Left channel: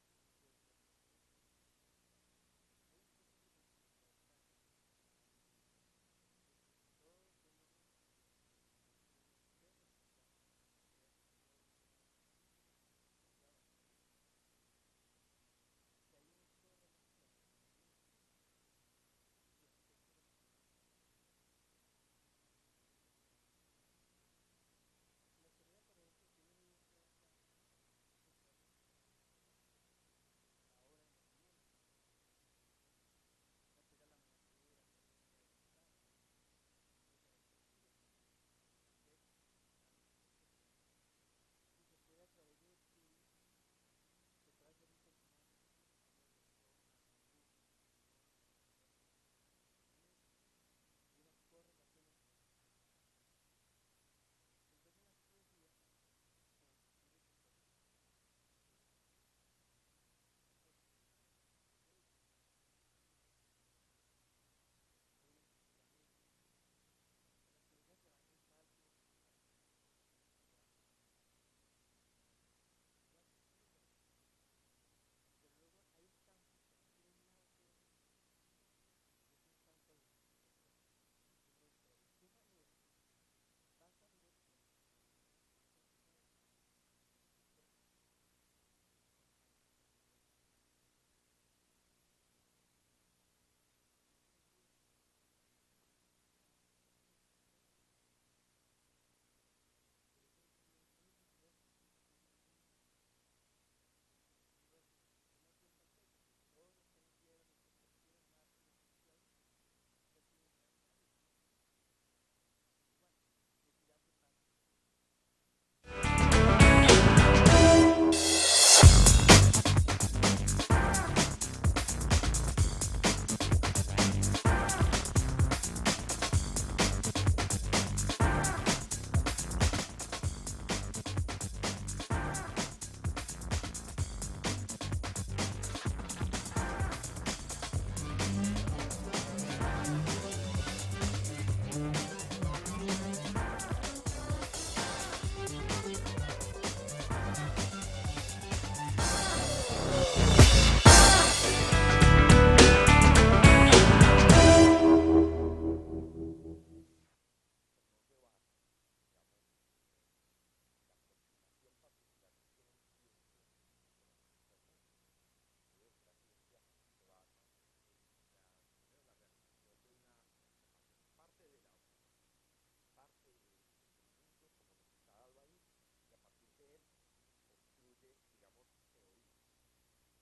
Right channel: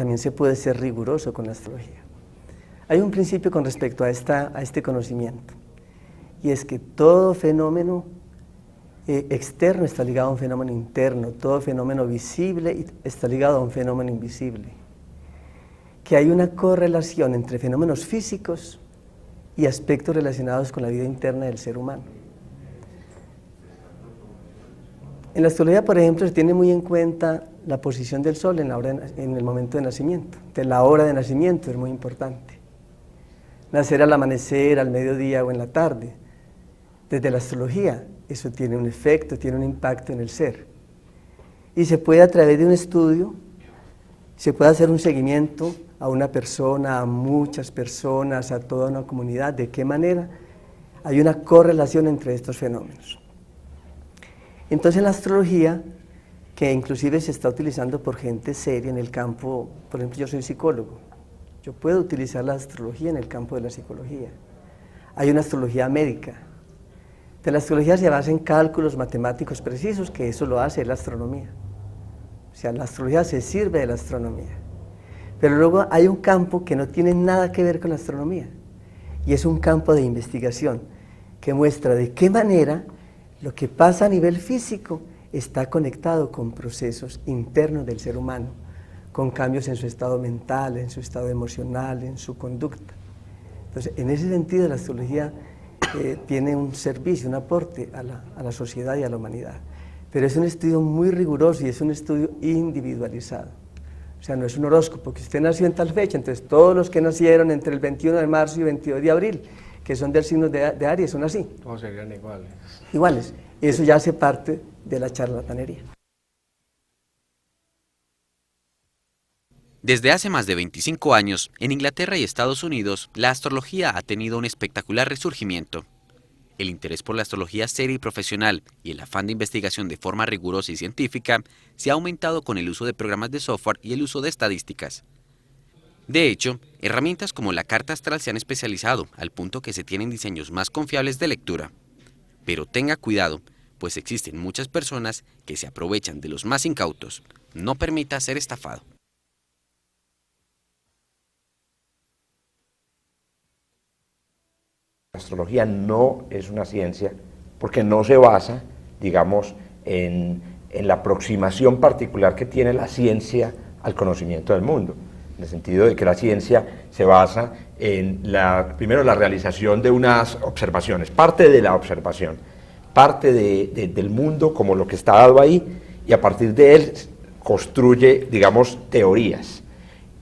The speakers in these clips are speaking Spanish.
también se puede ser riguroso con la astrología. Hay un principio con respecto a este conocimiento, y es que todo fenómeno externo está ligado a un fenómeno interno, todo fenómeno visible está ligado a un fenómeno invisible, que hay una correlación entre fenómenos físicos y aspectos relacionados con la vida interna del ser humano. En la astrología, por ejemplo, se tiene muy en cuenta la posición del sol en el momento de nacimiento. Entonces, la hora de nacimiento es muy importante. Nacer al amanecer, al mediodía o en la tarde. Desde la astrología, eso tiene un efecto, tiene un impacto en el ser. Y se puede, a través de un estudio, se puede hacer un seguimiento a una persona, a muchas personas, a toda una comunidad. ¿De qué manera? Hay una correlación entre estos fenómenos. Entonces, la astrología, que inclusive se está utilizando por gente seria en el campo, por ejemplo, yo soy psicólogo, yo puedo utilizar la astrología en el campo de la psicología. Hay una astrología médica. De la astrología se basa en cálculos matemáticos precisos, que eso lo hace la astronomía. O sea, la astrología se sirve de la astronomía. Pero luego hay un campo que no tiene nada que ver con la astronomía, y es un campo de investigación que muestra de qué manera lo que pasa a nivel físico está conectado con procesos internos del ser humano, con cambios en su estado mental, en su estado emocional, en su conducta. Entonces, en ese sentido, la astrología tiene un servicio, un aporte a la sociedad y a la humanidad. Pero es un estudio muy riguroso y es un estudio individualizado. O sea, no es un horóscopo, que usted nació en tal fecha, entonces todos los que nacieron entre el 21 de marzo y 22 de abril, que son del signo de Aries, son así. Todos serían iguales. Iguales. Eso ya hace parte de la charlatanería. Desde hace más de 25 años, en Inglaterra y Estados Unidos, la astrología ha tenido un espectacular resurgimiento. El interés por la astrología seria y profesional y el afán de investigación de forma rigurosa y científica se ha aumentado con el uso de programas de software y el uso de estadísticas. De hecho, herramientas como la carta astral se han especializado al punto que se tienen diseños más confiables de lectura. Pero tenga cuidado, pues existen muchas personas que se aprovechan de los más incautos. No permita ser estafado. La astrología no es una ciencia porque no se basa, digamos, en la aproximación particular que tiene la ciencia al conocimiento del mundo, en el sentido de que la ciencia se basa en primero la realización de unas observaciones, parte de la observación, parte del mundo como lo que está dado ahí, y a partir de él construye, digamos, teorías.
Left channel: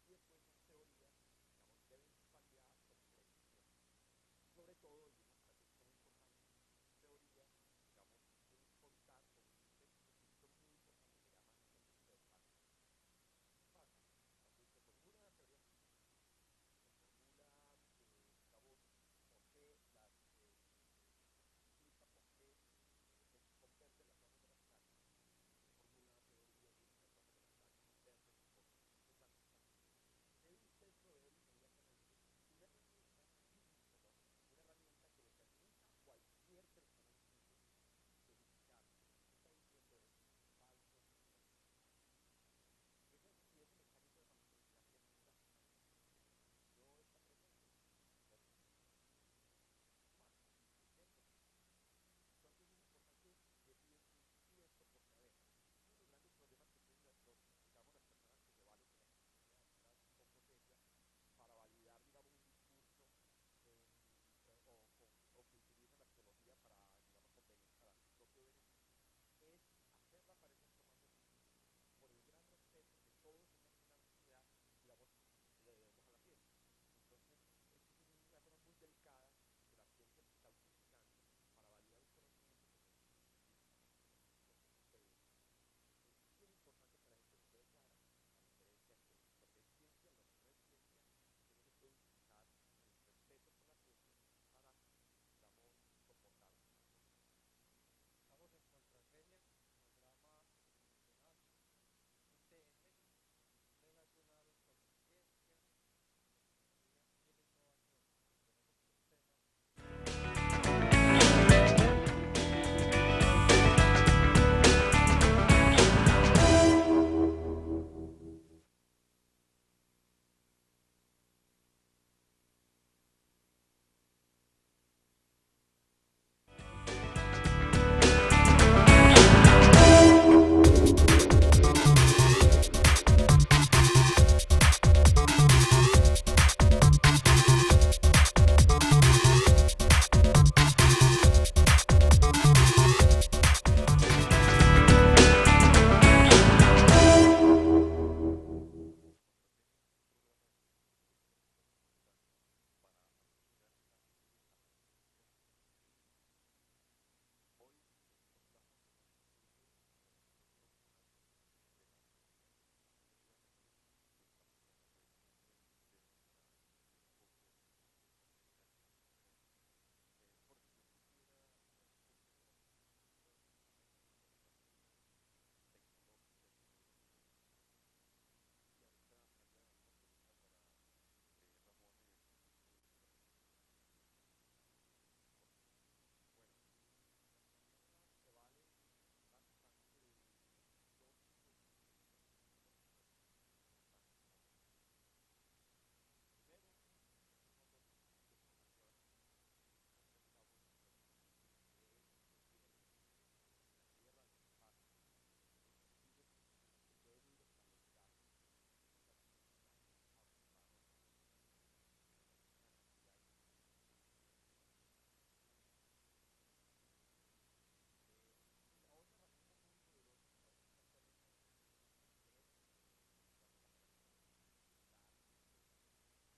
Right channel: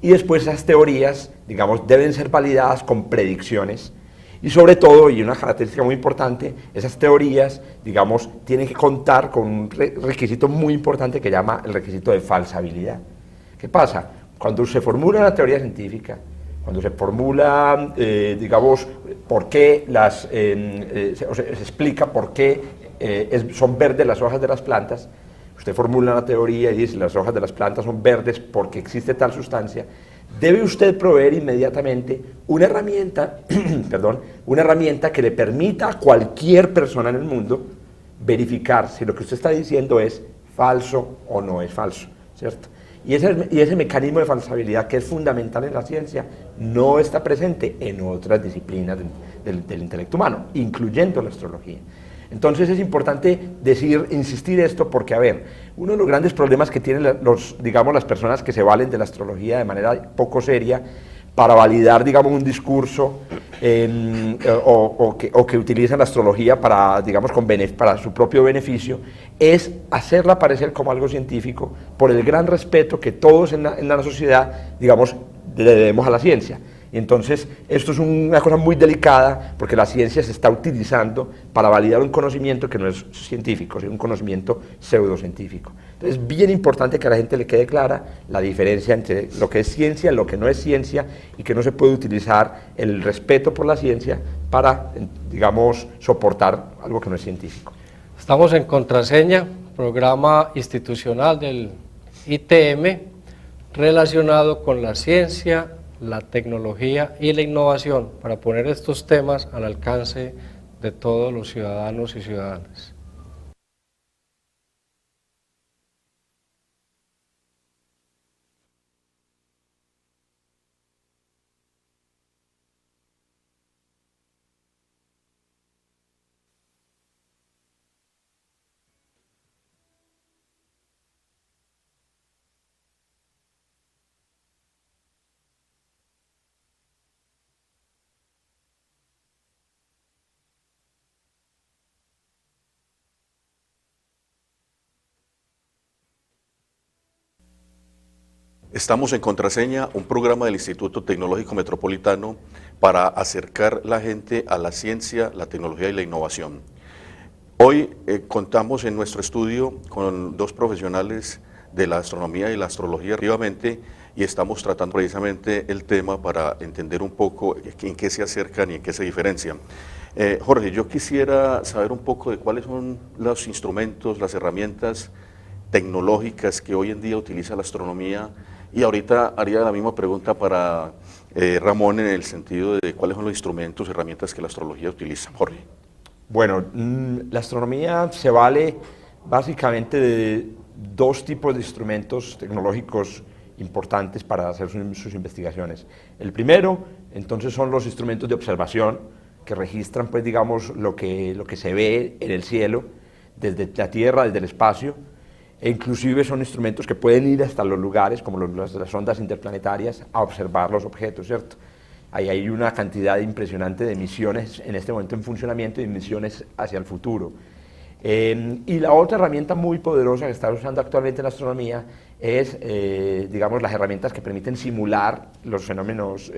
Y después esas teorías, digamos, deben ser validadas con predicciones. Y sobre todo, y una característica muy importante, esas teorías, digamos, tienen que contar con un requisito muy importante que llama el requisito de falsabilidad. ¿Qué pasa? Cuando se formula una teoría científica, cuando se formula, digamos, por qué se explica por qué son verdes las hojas de las plantas, usted formula una teoría y dice las hojas de las plantas son verdes porque existe tal sustancia, debe usted proveer inmediatamente una herramienta, una herramienta que le permita a cualquier persona en el mundo verificar si lo que usted está diciendo es falso o no es falso, ¿cierto? Y ese mecanismo de falsabilidad, que es fundamental en la ciencia, no está presente en otras disciplinas del intelecto humano, incluyendo la astrología. Entonces es importante insistir esto porque, a ver, uno de los grandes problemas que tienen las personas que se valen de la astrología de manera poco seria para validar, digamos, un discurso o que utilizan la astrología para, digamos, para su propio beneficio, es hacerla parecer como algo científico por el gran respeto que todos en la sociedad, digamos, le debemos a la ciencia. Y entonces esto es una cosa muy delicada porque la ciencia se está utilizando para validar un conocimiento que no es científico, sino un conocimiento pseudocientífico. Entonces es bien importante que a la gente le quede clara la diferencia entre lo que es ciencia y lo que no es ciencia, y que no se puede utilizar el respeto por la ciencia para, digamos, soportar algo que no es científico. Estamos en Contraseña, programa institucional del ITM relacionado con la ciencia, la tecnología y la innovación, para poner estos temas al alcance de todos los ciudadanos y ciudadanas. Estamos en Contraseña, un programa del Instituto Tecnológico Metropolitano para acercar la gente a la ciencia, la tecnología y la innovación. Hoy contamos en nuestro estudio con dos profesionales de la astronomía y la astrología, respectivamente, y estamos tratando precisamente el tema para entender un poco en qué se acercan y en qué se diferencian. Jorge, yo quisiera saber un poco de cuáles son los instrumentos, las herramientas tecnológicas que hoy en día utiliza la astronomía, y ahorita haría la misma pregunta para Ramón en el sentido de cuáles son los instrumentos, herramientas que la astrología utiliza. Jorge. Bueno, la astronomía se vale básicamente de dos tipos de instrumentos tecnológicos importantes para hacer sus investigaciones. El primero, entonces, son los instrumentos de observación que registran, pues, digamos, lo que se ve en el cielo, desde la Tierra, desde el espacio, e inclusive son instrumentos que pueden ir hasta los lugares, como las ondas interplanetarias, a observar los objetos, ¿cierto? Ahí hay una cantidad impresionante de misiones en este momento en funcionamiento y misiones hacia el futuro. Y la otra herramienta muy poderosa que está usando actualmente en la astronomía es, digamos, las herramientas que permiten simular los fenómenos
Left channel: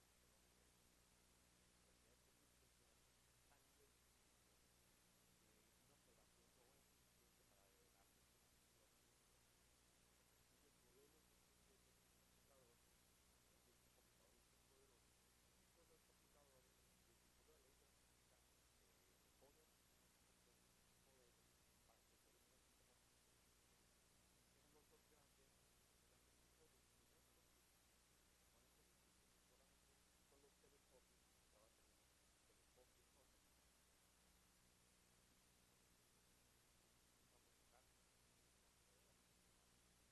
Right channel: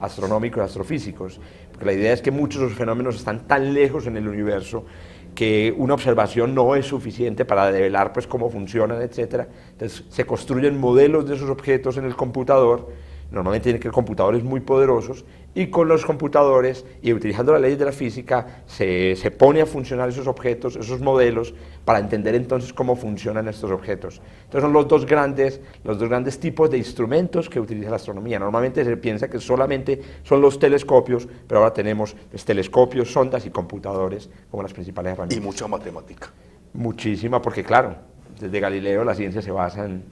astronómicos, astrofísicos. Porque la idea es que muchos de los fenómenos están tan lejos en el universo que una observación no es suficiente para develar, pues, cómo funcionan, etc. Entonces se construyen modelos de esos objetos en el computador. Normalmente tienen que ser computadores muy poderosos, y con los computadores y utilizando las leyes de la física se pone a funcionar esos objetos, esos modelos, para entender entonces cómo funcionan estos objetos. Entonces son los dos grandes tipos de instrumentos que utiliza la astronomía. Normalmente se piensa que solamente son los telescopios, pero ahora tenemos telescopios, sondas y computadores como las principales herramientas. Y mucha matemática. Muchísima, porque claro, desde Galileo la ciencia se basa en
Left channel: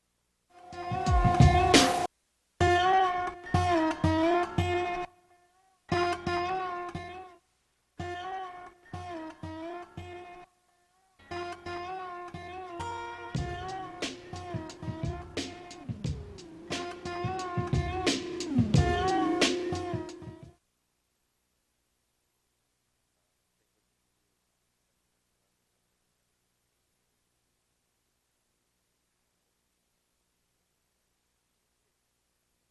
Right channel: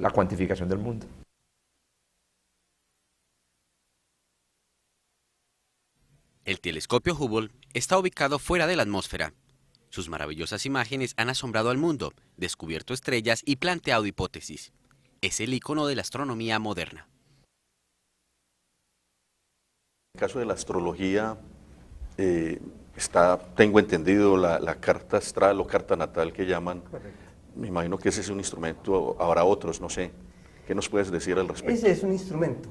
la cuantificación del mundo. El telescopio Hubble está ubicado fuera de la atmósfera. Sus maravillosas imágenes han asombrado al mundo, descubierto estrellas y planteado hipótesis. Es el icono de la astronomía moderna. En el caso de la astrología, tengo entendido la carta astral o carta natal que llaman. Correcto. Me imagino que ese es un instrumento, habrá otros, no sé. ¿Qué nos puedes decir al respecto? Ese es un instrumento.